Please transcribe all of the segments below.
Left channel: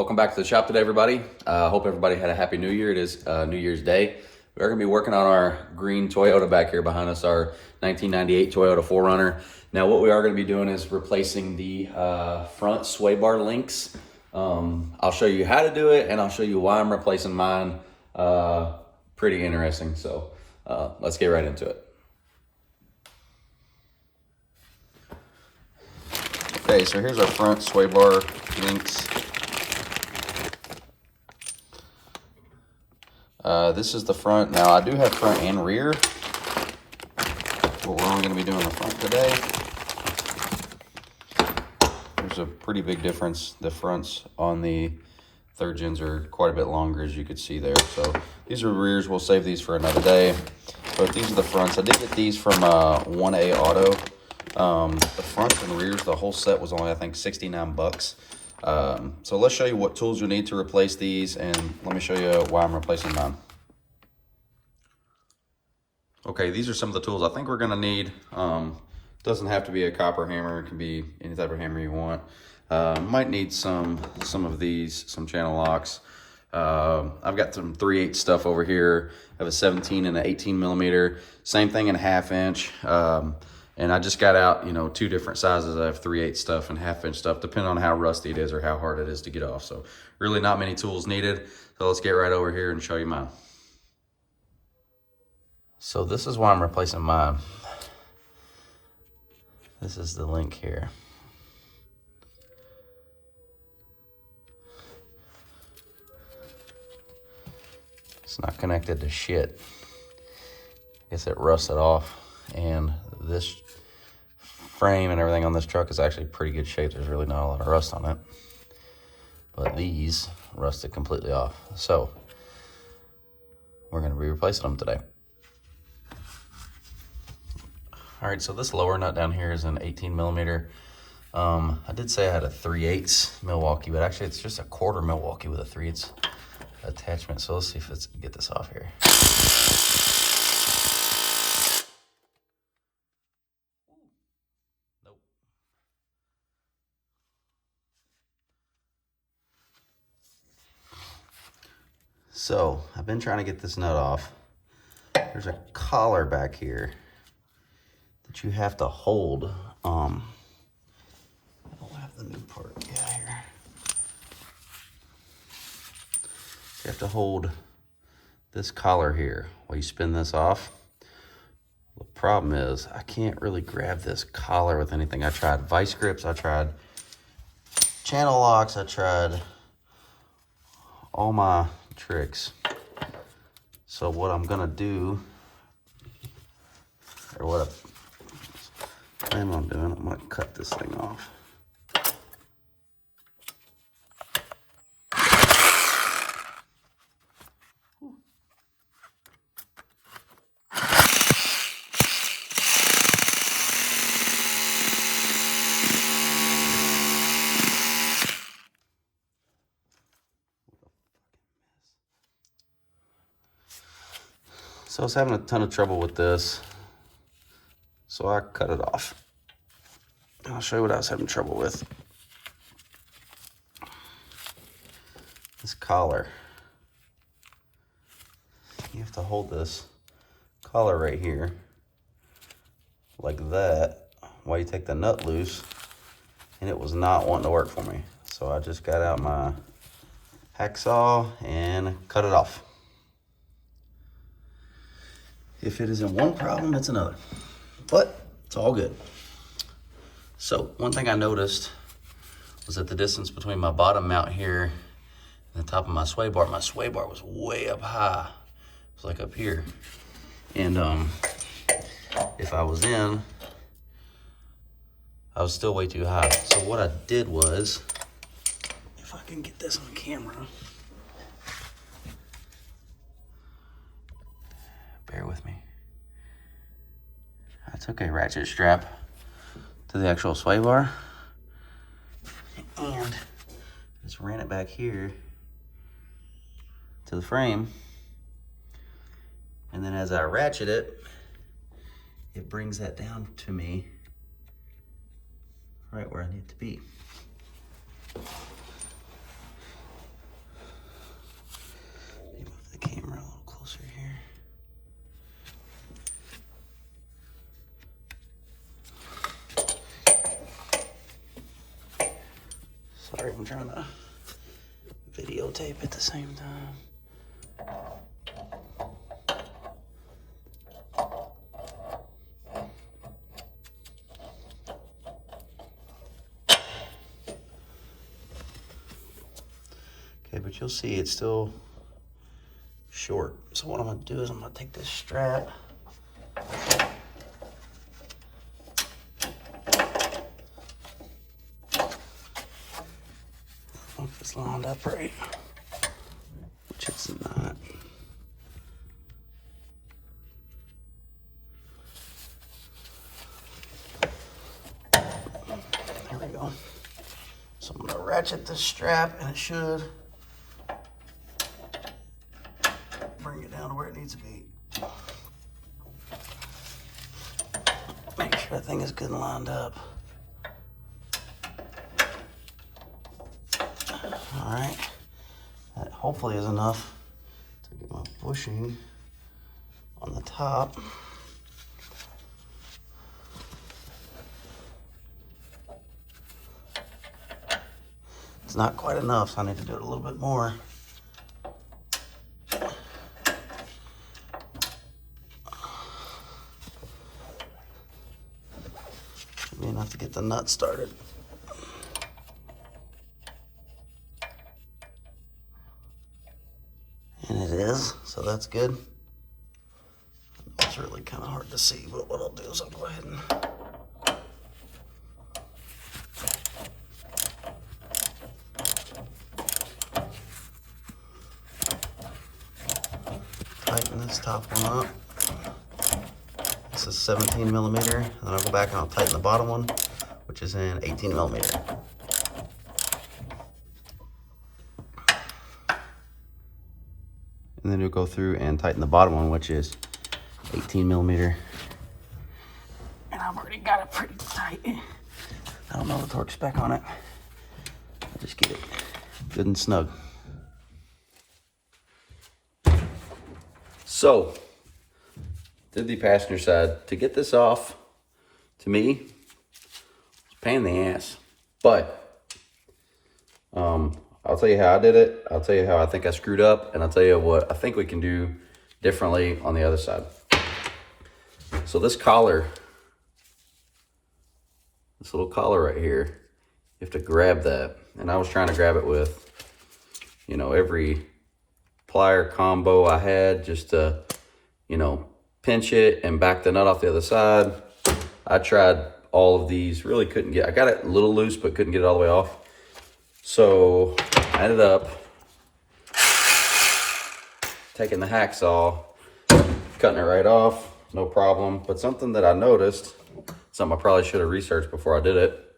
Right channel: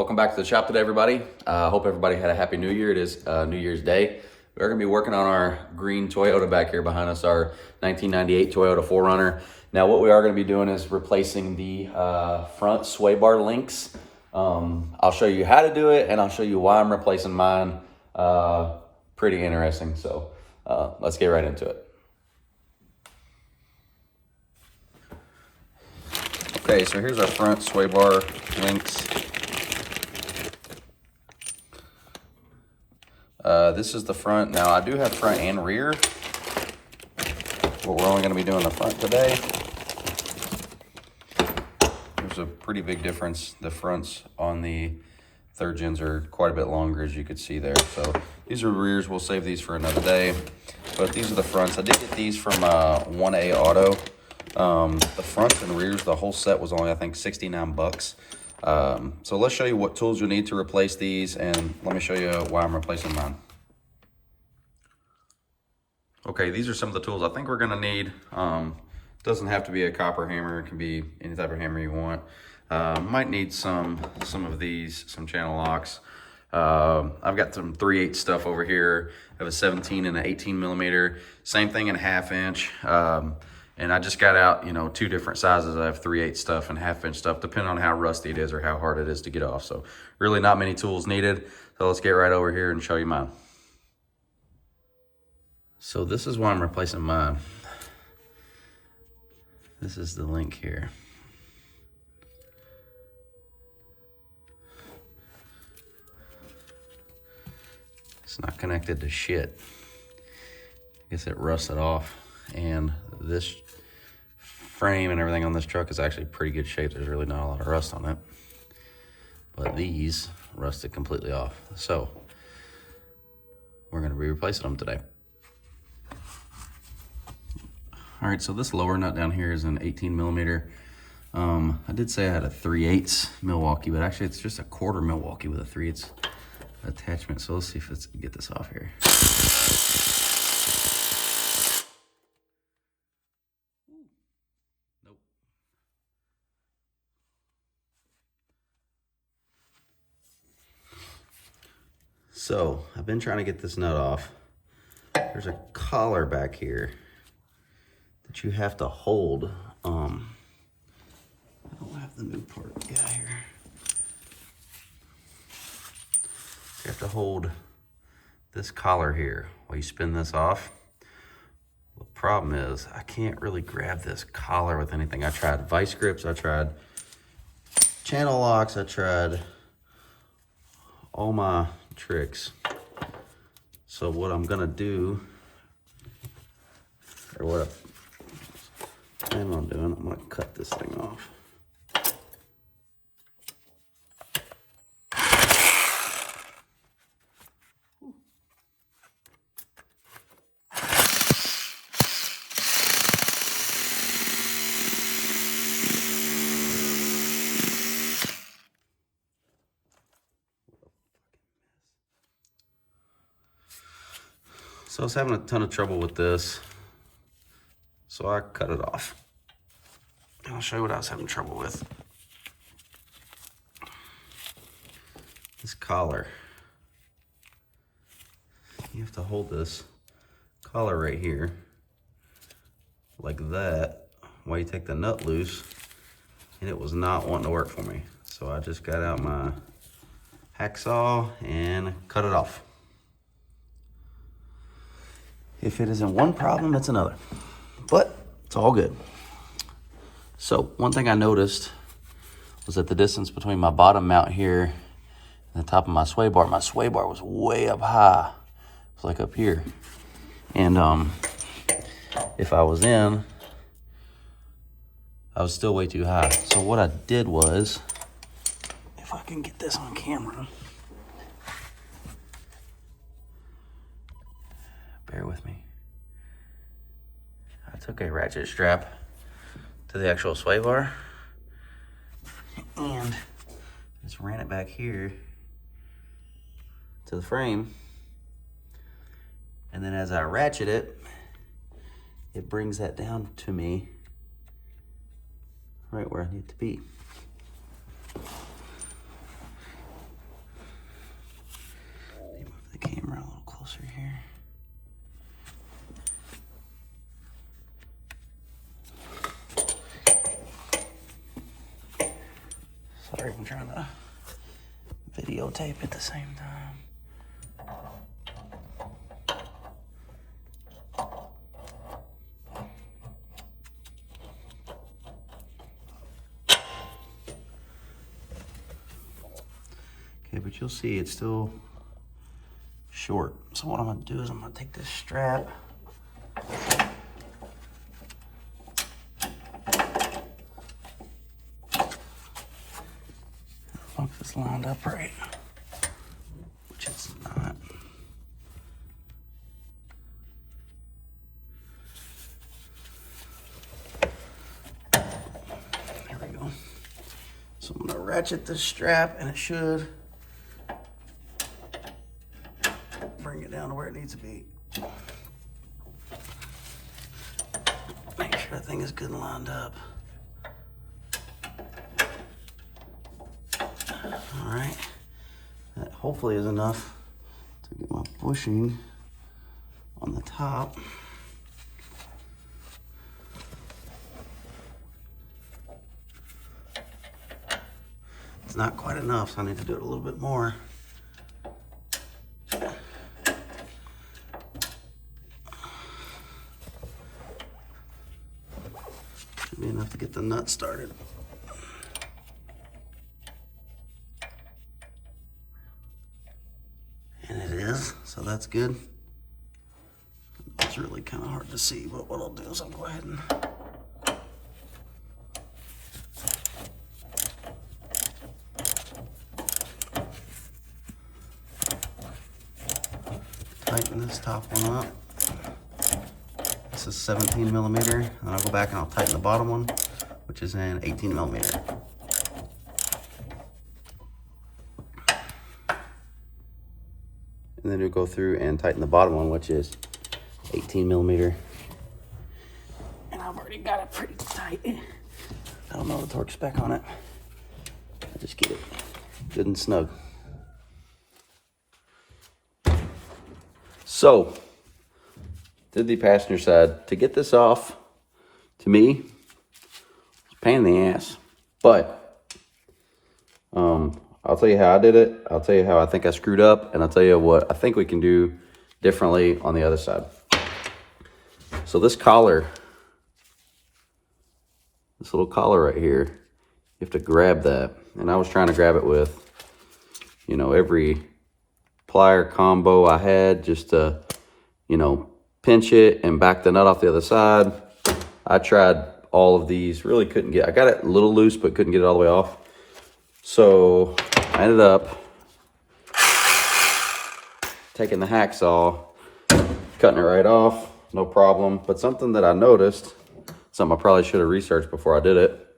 Welcome back to the shop today, everybody. Hope everybody had a happy New Year. It is New Year's Day. We're going to be working on our green Toyota back here behind us, our 1998 Toyota 4Runner. Now, what we are going to be doing is replacing the front sway bar links. I'll show you how to do it, and I'll show you why I'm replacing mine. Pretty interesting. So let's get right into it. Okay, so here's our front sway bar links. This is the front. Now, I do have front and rear, but we're only going to be doing the front today. There's a pretty big difference. The fronts on the third gens are quite a bit longer, as you could see there. So these are rears. We'll save these for another day. But these are the fronts. I did get these from 1A Auto. The fronts and rears, the whole set was only, I think, 69 bucks. So let's show you what tools you'll need to replace these, and let me show you why I'm replacing mine. Okay, these are some of the tools I think we're gonna need. Doesn't have to be a copper hammer, it can be any type of hammer you want. Might need some of these, some channel locks. I've got some 3/8 stuff over here. I have a 17 and an 18 millimeter. Same thing in 1/2 inch. And I just got out, you know, 2 different sizes. I have 3/8 stuff and 1/2 inch stuff, depending on how rusty it is or how hard it is to get off. So really not many tools needed. So let's get right over here and show you mine. So this is why I'm replacing mine. This is the link here. It's not connected to shit. I guess it rusted off, and this frame and everything on this truck is actually pretty good shape. There's really not a lot of rust on it, but these rusted completely off. So we're going to be replacing them today. All right, so this lower nut down here is an 18 millimeter. I did say I had a 3/8 Milwaukee, but actually it's just a 1/4 Milwaukee with a 3/8 attachment. So let's see if it's get this off here. Nope. So I've been trying to get this nut off. There's a collar back here that you have to hold. I don't have the new part yet here. You have to hold this collar here while you spin this off. The problem is I can't really grab this collar with anything. I tried vice grips, I tried channel locks, I tried all my tricks. So what I'm gonna do, or what I plan on doing, I'm gonna cut this thing off. So I was having a ton of trouble with this, so I cut it off. I'll show you what I was having trouble with. This collar. You have to hold this collar right here, like that, while you take the nut loose, and it was not wanting to work for me. So I just got out my hacksaw and cut it off. If it isn't one problem, it's another. But it's all good. So one thing I noticed was that the distance between my bottom mount here and the top of my sway bar was way up high. It's like up here. And if I was in, I was still way too high. So what I did was, if I can get this on camera, bear with me. I took a ratchet strap to the actual sway bar and just ran it back here to the frame. And then as I ratchet it, it brings that down to me right where I need to be. Sorry, I'm trying to videotape at the same time. Okay, but you'll see it's still short. So what I'm gonna do is I'm gonna take this strap, hope it's lined up right, which it's not. There we go. So I'm gonna ratchet this strap and it should bring it down to where it needs to be. Make sure that thing is good and lined up. All right, that hopefully is enough to get my bushing on the top. It's not quite enough, so I need to do it a little bit more. Maybe enough to get the nut started. And it is, so that's good. It's really kind of hard to see, but what I'll do is I'll go ahead and tighten this top one up. This is 17 millimeter, and I'll go back and I'll tighten the bottom one, which is an 18 millimeter. And then you'll go through and tighten the bottom one, which is 18 millimeter. And I've already got it pretty tight. I don't know the torque spec on it. I'll just get it good and snug. So, did the passenger side. To get this off, to me, it's a pain in the ass. But, I'll tell you how I did it. I'll tell you how I think I screwed up. And I'll tell you what I think we can do differently on the other side. So this collar, this little collar right here, you have to grab that. And I was trying to grab it with, you know, every plier combo I had just to, you know, pinch it and back the nut off the other side. I tried all of these, really couldn't get, I got it a little loose, but couldn't get it all the way off. So I ended up taking the hacksaw, cutting it right off, no problem. But something that I noticed, something I probably should have researched before I did it,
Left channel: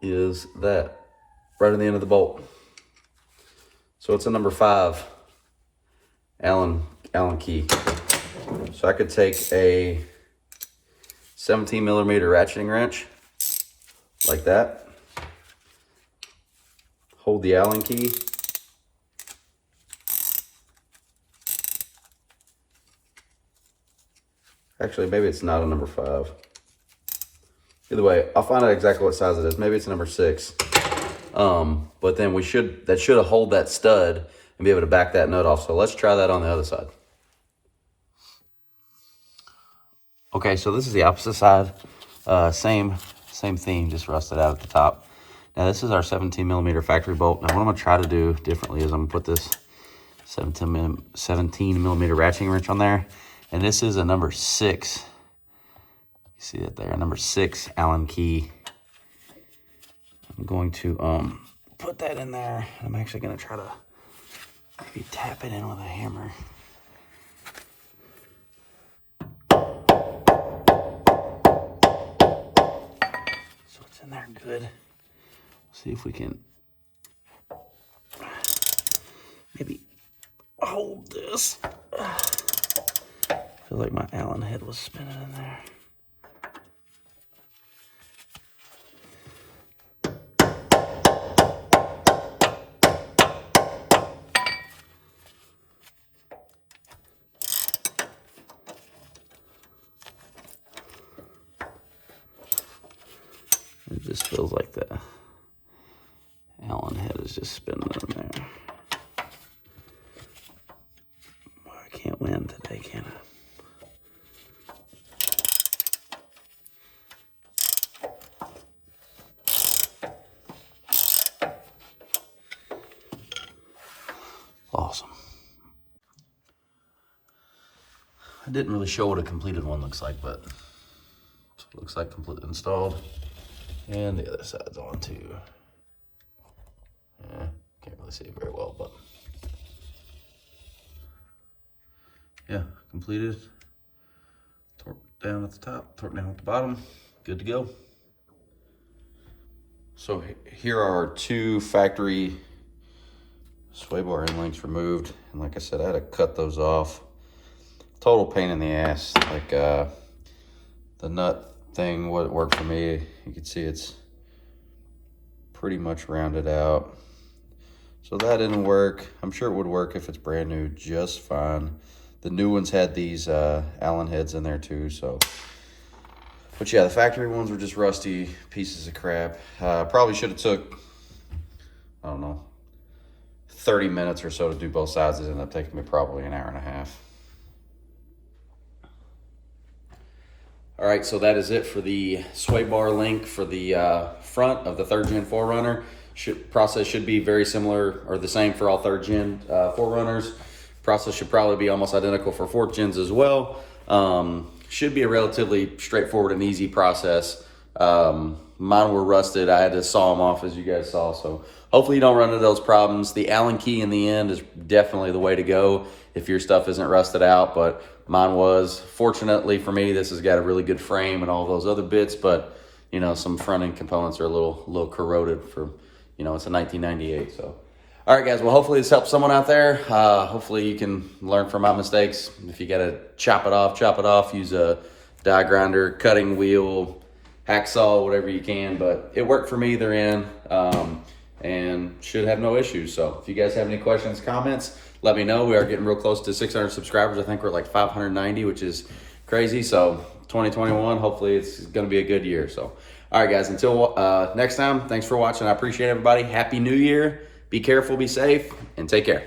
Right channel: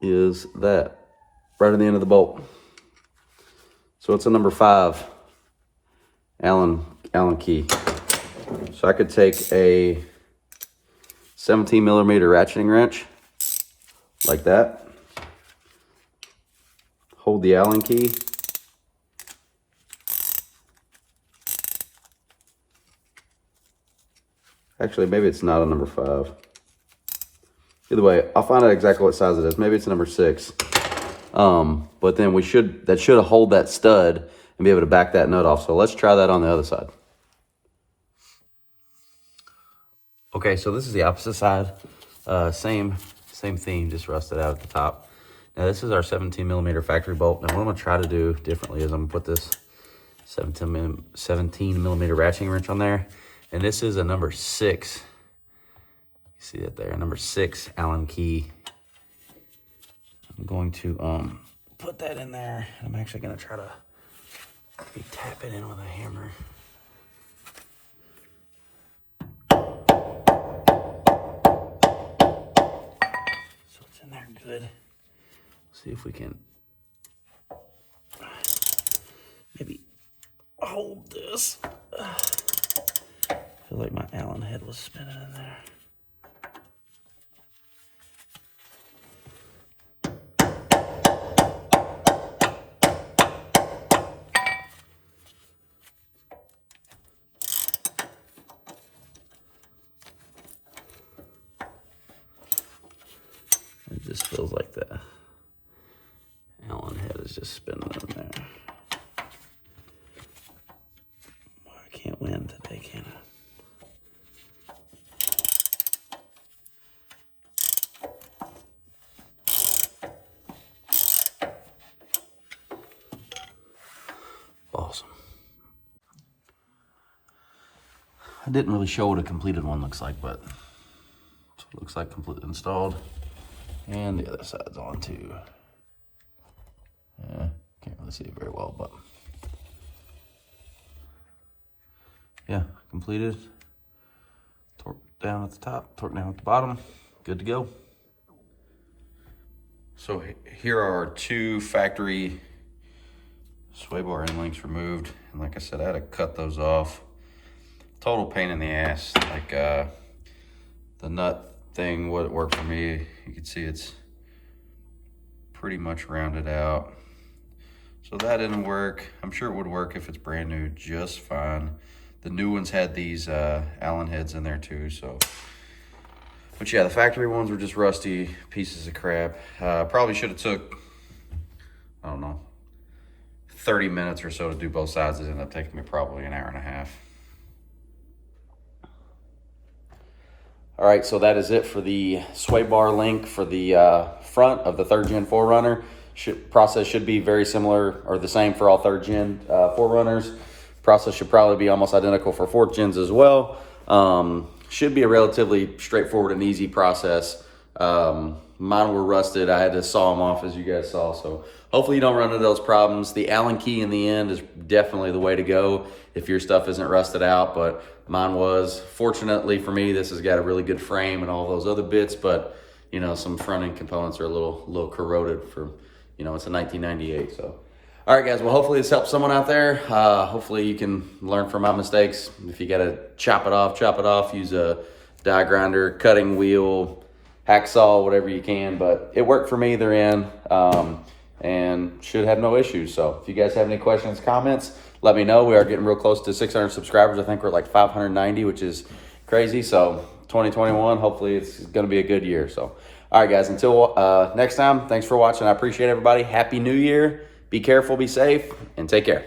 is that right on the end of the bolt. So it's a number 5 Allen key. So I could take a 17 millimeter ratcheting wrench like that, hold the Allen key, actually maybe it's not a number 5. Either way, I'll find out exactly what size it is. Maybe it's a number 6. But then that should hold that stud and be able to back that nut off. So let's try that on the other side. Okay, so this is the opposite side. Same theme, just rusted out at the top. Now this is our 17 millimeter factory bolt. Now what I'm gonna try to do differently is I'm gonna put this 17 millimeter ratcheting wrench on there. And this is a number 6. You see that there, number 6 Allen key. I'm going to put that in there. I'm actually gonna try to maybe tap it in with a hammer. So it's in there good. See if we can maybe hold this. I feel like my Allen head was spinning in there. It just feels like that. just spinning in there. I can't win today, can I? Awesome. I didn't really show what a completed one looks like, but it looks like completely installed. And the other side's on too. Yeah, can't really see it very well, but yeah, completed. Torque down at the top, torque down at the bottom. Good to go. So here are our 2 factory sway bar end links removed, and like I said, I had to cut those off. Total pain in the ass. Like the nut thing wouldn't work for me. You can see it's pretty much rounded out, so that didn't work. I'm sure it would work if it's brand new just fine. The new ones had these Allen heads in there too, so. But yeah, the factory ones were just rusty pieces of crap. Probably should have took, I don't know, 30 minutes or so to do both sides. It ended up taking me probably an hour and a half. All right, so that is it for the sway bar link for the front of the 3rd gen 4Runner. Process should be very similar or the same for all 3rd gen 4Runners. Process should probably be almost identical for 4th gens as well. Should be a relatively straightforward and easy process. Mine were rusted. I had to saw them off, as you guys saw, so hopefully you don't run into those problems. The Allen key in the end is definitely the way to go if your stuff isn't rusted out, but mine was. Fortunately for me, this has got a really good frame and all those other bits, but you know, some front end components are a little corroded from, you know, it's a 1998. So, all right, guys. Well, hopefully this helps someone out there. Hopefully you can learn from my mistakes. If you got to chop it off. Use a die grinder, cutting wheel, hacksaw, whatever you can. But it worked for me either end, and should have no issues. So if you guys have any questions, comments, let me know. We are getting real close to 600 subscribers. I think we're like 590, which is crazy. So 2021, hopefully it's going to be a good year. So, all right, guys, until next time, thanks for watching. I appreciate everybody. Happy New Year. Be careful, be safe, and take care.